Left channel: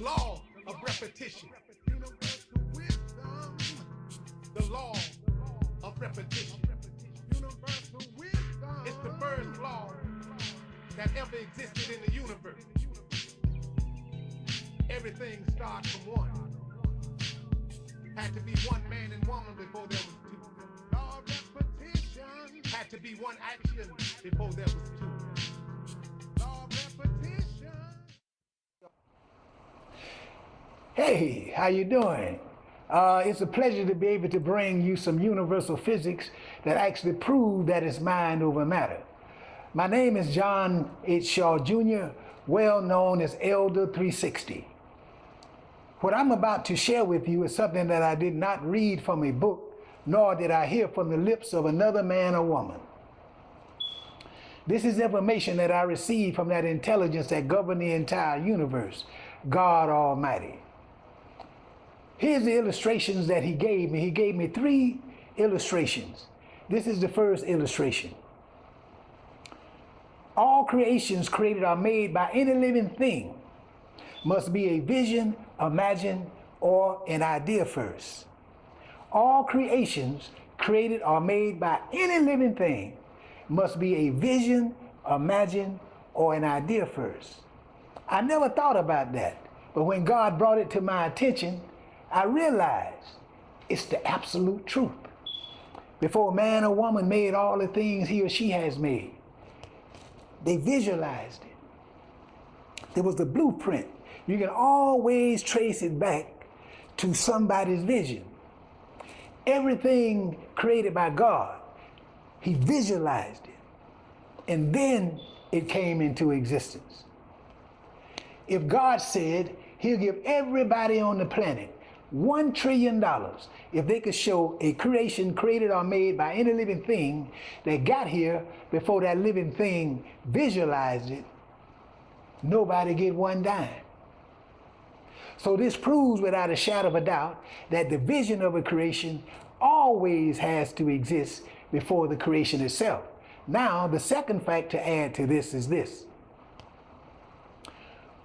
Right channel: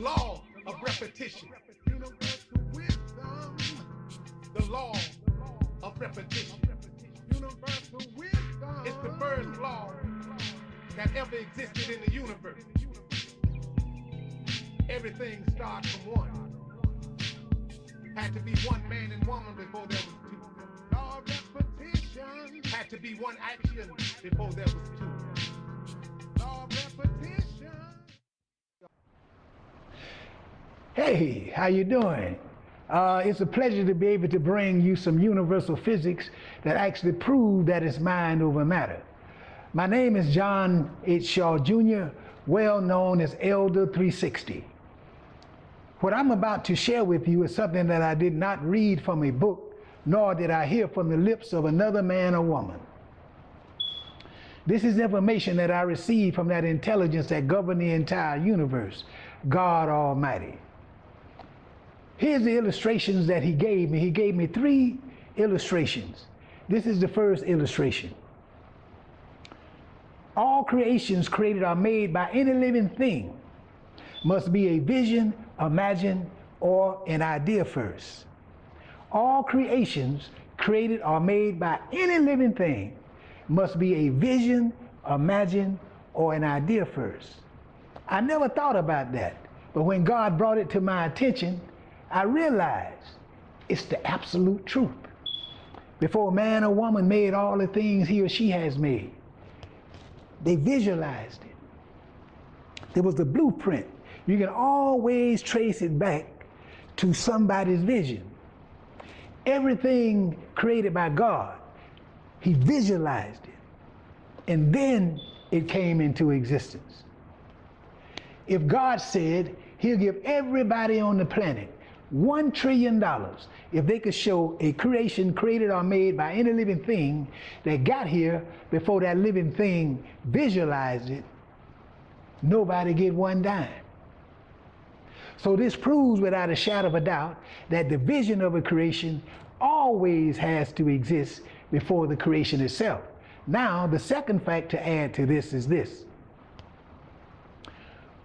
law of repetition. Universal wisdom. The law of repetition. Universal wisdom. It's the first law that ever existed in the universe. Everything starts from one. Had to be one man and woman before there was two. Law of repetition. Had to be one action before there was two. Law of repetition. Hey, how you doing? It's a pleasure to be able to bring you some universal physics that actually prove that it's mind over matter. My name is John H. Shaw Jr., well known as Elder 360. What I'm about to share with you is something that I did not read from a book, nor did I hear from the lips of another man or woman. This is information that I received from that intelligence that governs the entire universe, God Almighty. Here's the illustrations that he gave me. He gave me 3 illustrations. This is the first illustration. All creations created or made by any living thing must be a vision, imagine, or an idea first. All creations created or made by any living thing must be a vision, imagine, or an idea first. I never thought about that, but when God brought it to my attention, I realized it's the absolute truth. Before man or woman made all the things he or she has made, they visualized it. There was the blueprint. You can always trace it back to somebody's vision. Everything created by God, he visualized it, and then it came into existence. If God said he'll give everybody on the planet $1 trillion if they could show a creation created or made by any living thing that got here before that living thing visualized it, nobody get one dime. So this proves without a shadow of a doubt that the vision of a creation always has to exist before the creation itself. Now, the second fact to add to this is this.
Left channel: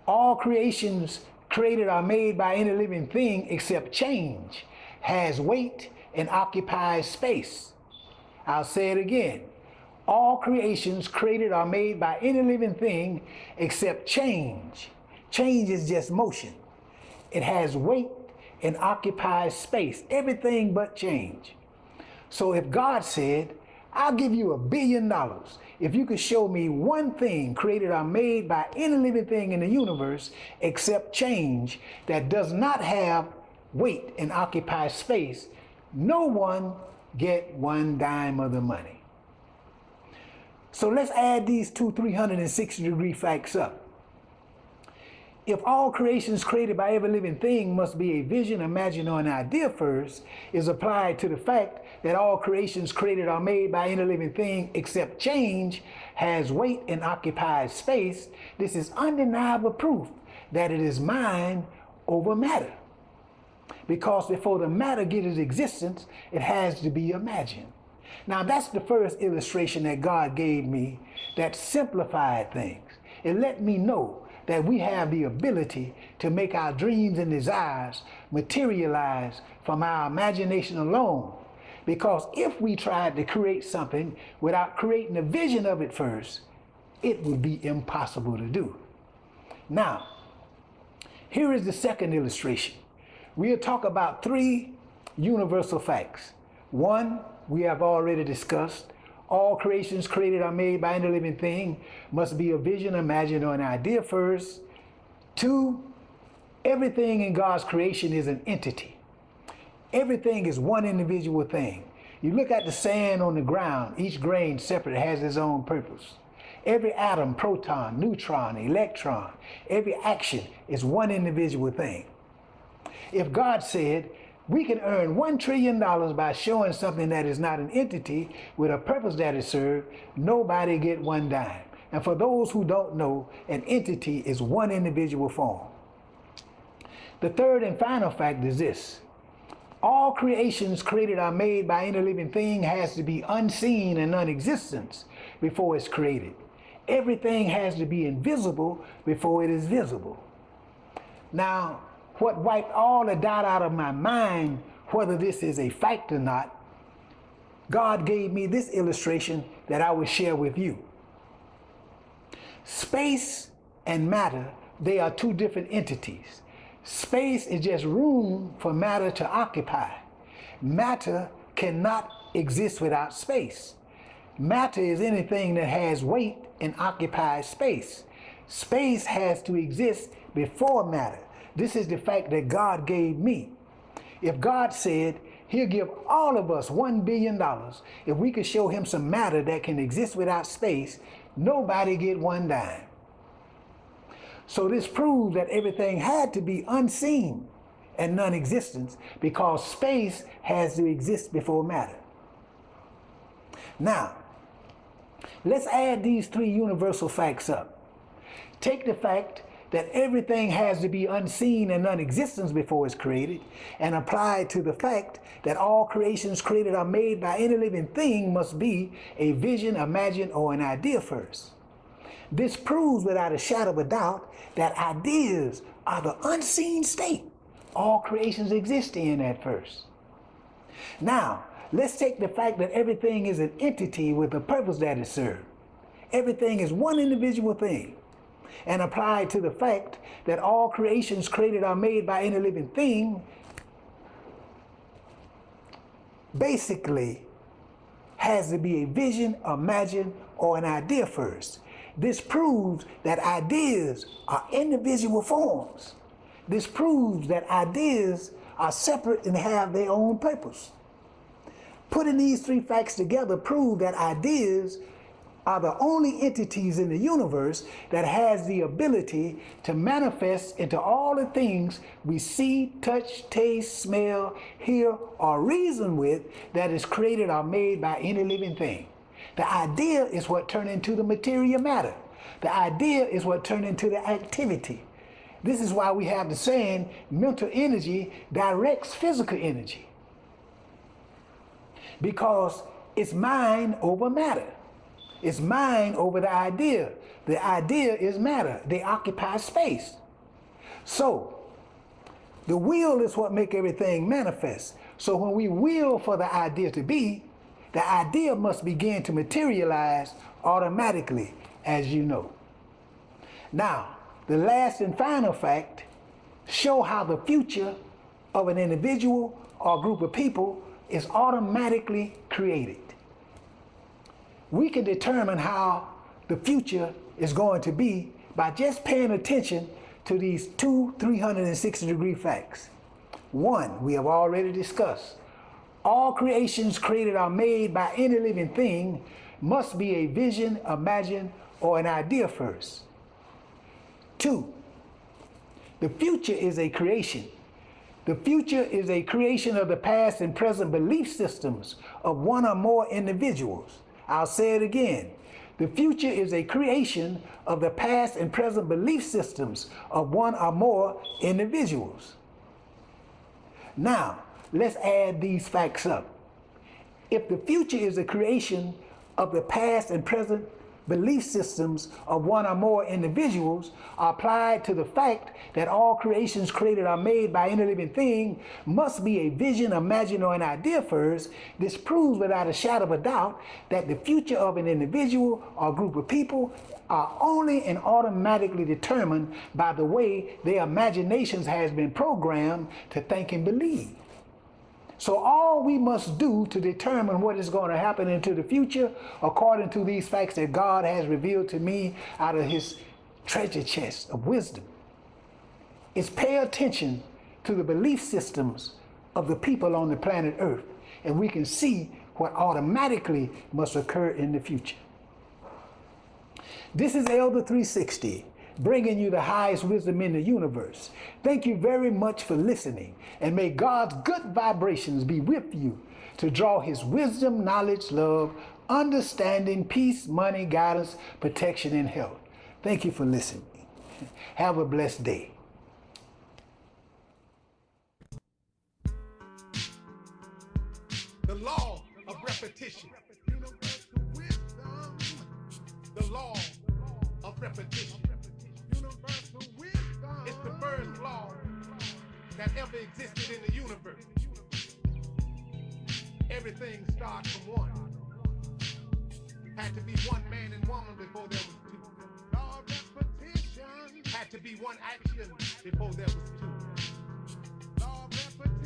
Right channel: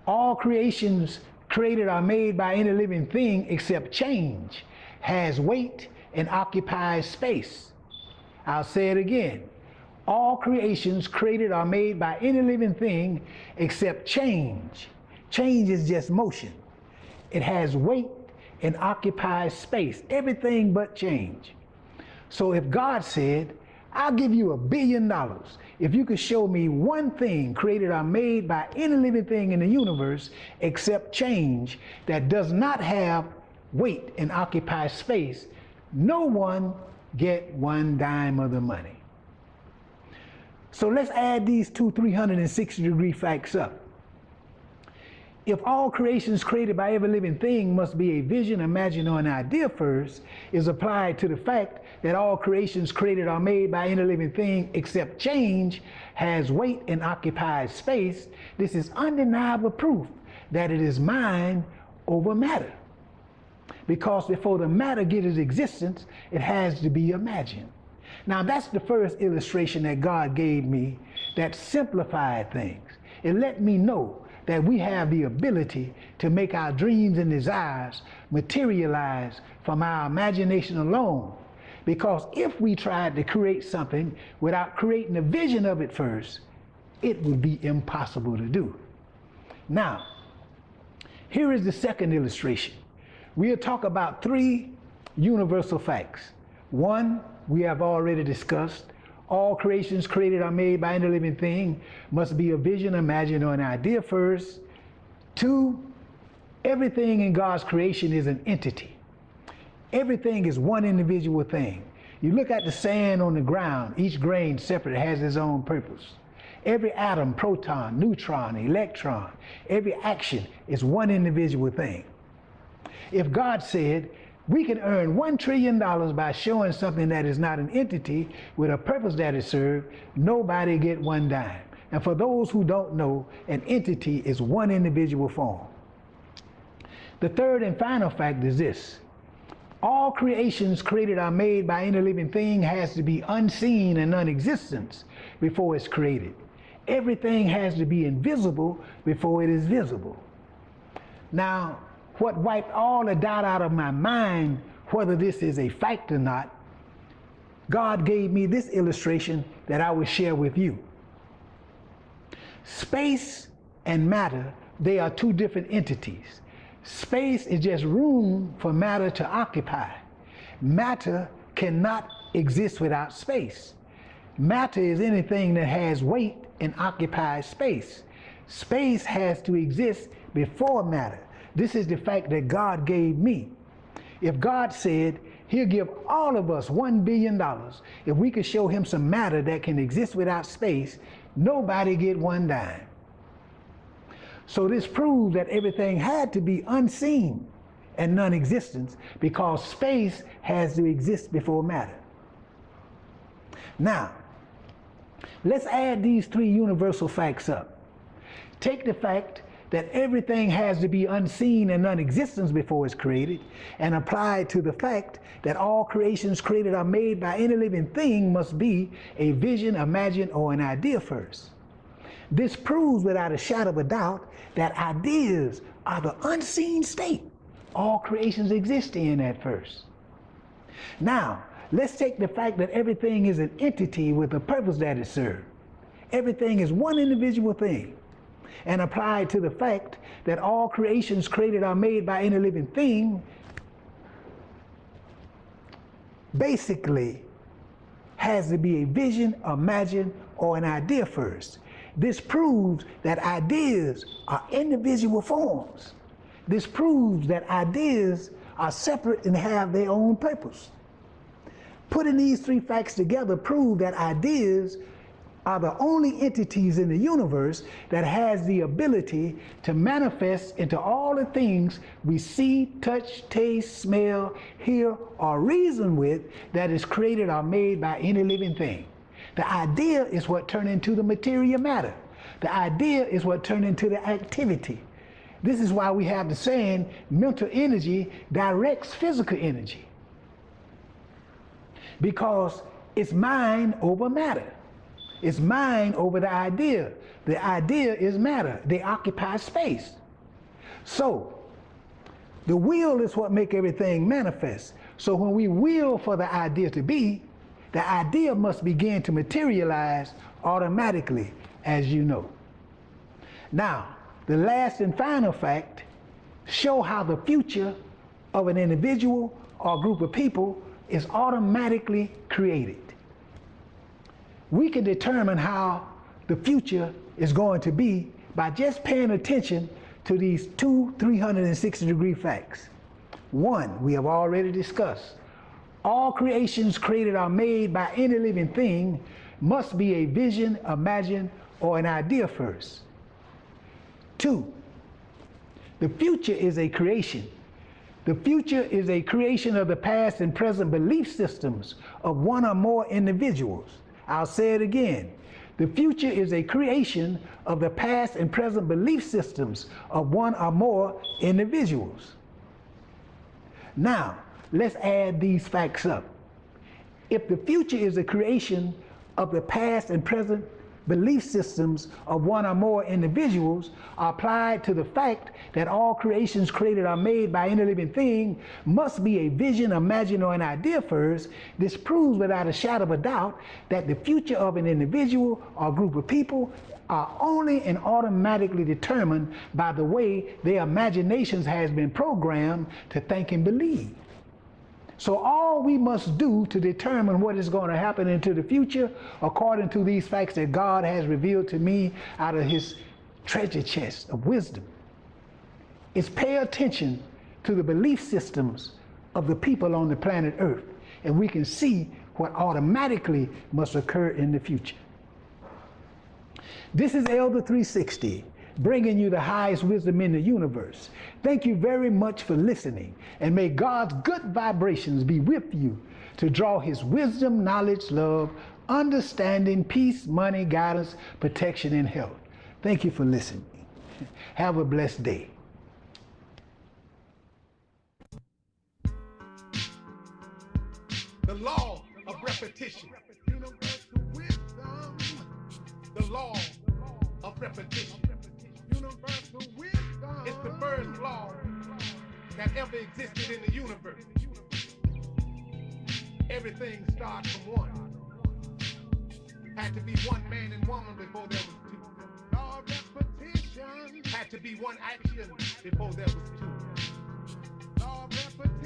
All creations created or made by any living thing except change has weight and occupies space. I'll say it again. All creations created or made by any living thing except change. Change is just motion. It has weight and occupies space. Everything but change. So if God said, I'll give you $1 billion if you could show me one thing created or made by any living thing in the universe except change that does not have weight and occupy space, no one get one dime of the money. So let's add these two 360-degree facts up. If all creations created by every living thing must be a vision, imagine, or an idea first, is applied to the fact that all creations created or made by any living thing except change has weight and occupies space, this is undeniable proof that it is mind over matter. Because before the matter gets its existence, it has to be imagined. Now that's the first illustration that God gave me that simplified things. It let me know that we have the ability to make our dreams and desires materialize from our imagination alone. Because if we tried to create something without creating a vision of it first, it would be impossible to do. Now, here is the second illustration. We'll talk about 3 universal facts. 1, we have already discussed. All creations created or made by any living thing must be a vision, imagine, or an idea first. 2, everything in God's creation is an entity. Everything is one individual thing. You look at the sand on the ground, each grain separate has its own purpose. Every atom, proton, neutron, electron, every action is one individual thing. If God said, we can earn $1 trillion by showing something that is not an entity with a purpose that is served, nobody get one dime. And for those who don't know, an entity is one individual form. The third and final fact is this. All creations created or made by any living thing has to be unseen and non-existent before it's created. Everything has to be invisible before it is visible. Now, what wiped all the doubt out of my mind, whether this is a fact or not, God gave me this illustration that I will share with you. Space and matter, they are two different entities. Space is just room for matter to occupy. Matter cannot exist without space. Matter is anything that has weight and occupies space. Space has to exist before matter. This is the fact that God gave me. If God said he'll give all of us $1 billion, if we could show him some matter that can exist without space, nobody get one dime. So this proves that everything had to be unseen and non-existence because space has to exist before matter. Now, let's add these three universal facts up. Take the fact that everything has to be unseen and non-existence before it's created, and apply it to the fact that all creations created are made by any living thing must be a vision, imagine, or an idea first. This proves without a shadow of a doubt that ideas are the unseen state all creations exist in at first. Now, let's take the fact that everything is an entity with a purpose that it serves. Everything is one individual thing, and apply it to the fact that all creations created are made by any living thing, basically has to be a vision, imagine, or an idea first. This proves that ideas are individual forms. This proves that ideas are separate and have their own purpose. Putting these three facts together prove that ideas are the only entities in the universe that has the ability to manifest into all the things we see, touch, taste, smell, hear, or reason with that is created or made by any living thing. The idea is what turned into the material matter. The idea is what turned into the activity. This is why we have the saying, mental energy directs physical energy. Because it's mind over matter. It's mind over the idea. The idea is matter. They occupy space. So, the will is what makes everything manifest. So when we will for the idea to be, the idea must begin to materialize automatically, as you know. Now, the last and final fact show how the future of an individual or group of people is automatically created. We can determine how the future is going to be by just paying attention to these two 360-degree facts. One, we have already discussed. All creations created are made by any living thing must be a vision, imagine, or an idea first. Two, the future is a creation. The future is a creation of the past and present belief systems of one or more individuals. I'll say it again. The future is a creation of the past and present belief systems of one or more individuals. Now, let's add these facts up. If the future is a creation of the past and present belief systems of one or more individuals applied to the fact that all creations created are made by any living thing must be a vision, imagine, or an idea first, this proves without a shadow of a doubt that the future of an individual or group of people are only and automatically determined by the way their imaginations has been programmed to think and believe. So all we must do to determine what is going to happen into the future, according to these facts that God has revealed to me out of his treasure chest of wisdom, is pay attention to the belief systems of the people on the planet Earth, and we can see what automatically must occur in the future. This is Elder 360, bringing you the highest wisdom in the universe. Thank you very much for listening, and may God's good vibrations be with you to draw his wisdom, knowledge, love, understanding, peace, money, guidance, protection, and health. Thank you for listening. Have a blessed day. The law of repetition. Universal wisdom. The law of repetition. Universal wisdom. It's the first law that ever existed in the universe. Everything starts from one. Had to be one man and woman before there was two. All repetition. Had to be one action before there was two. All repetition.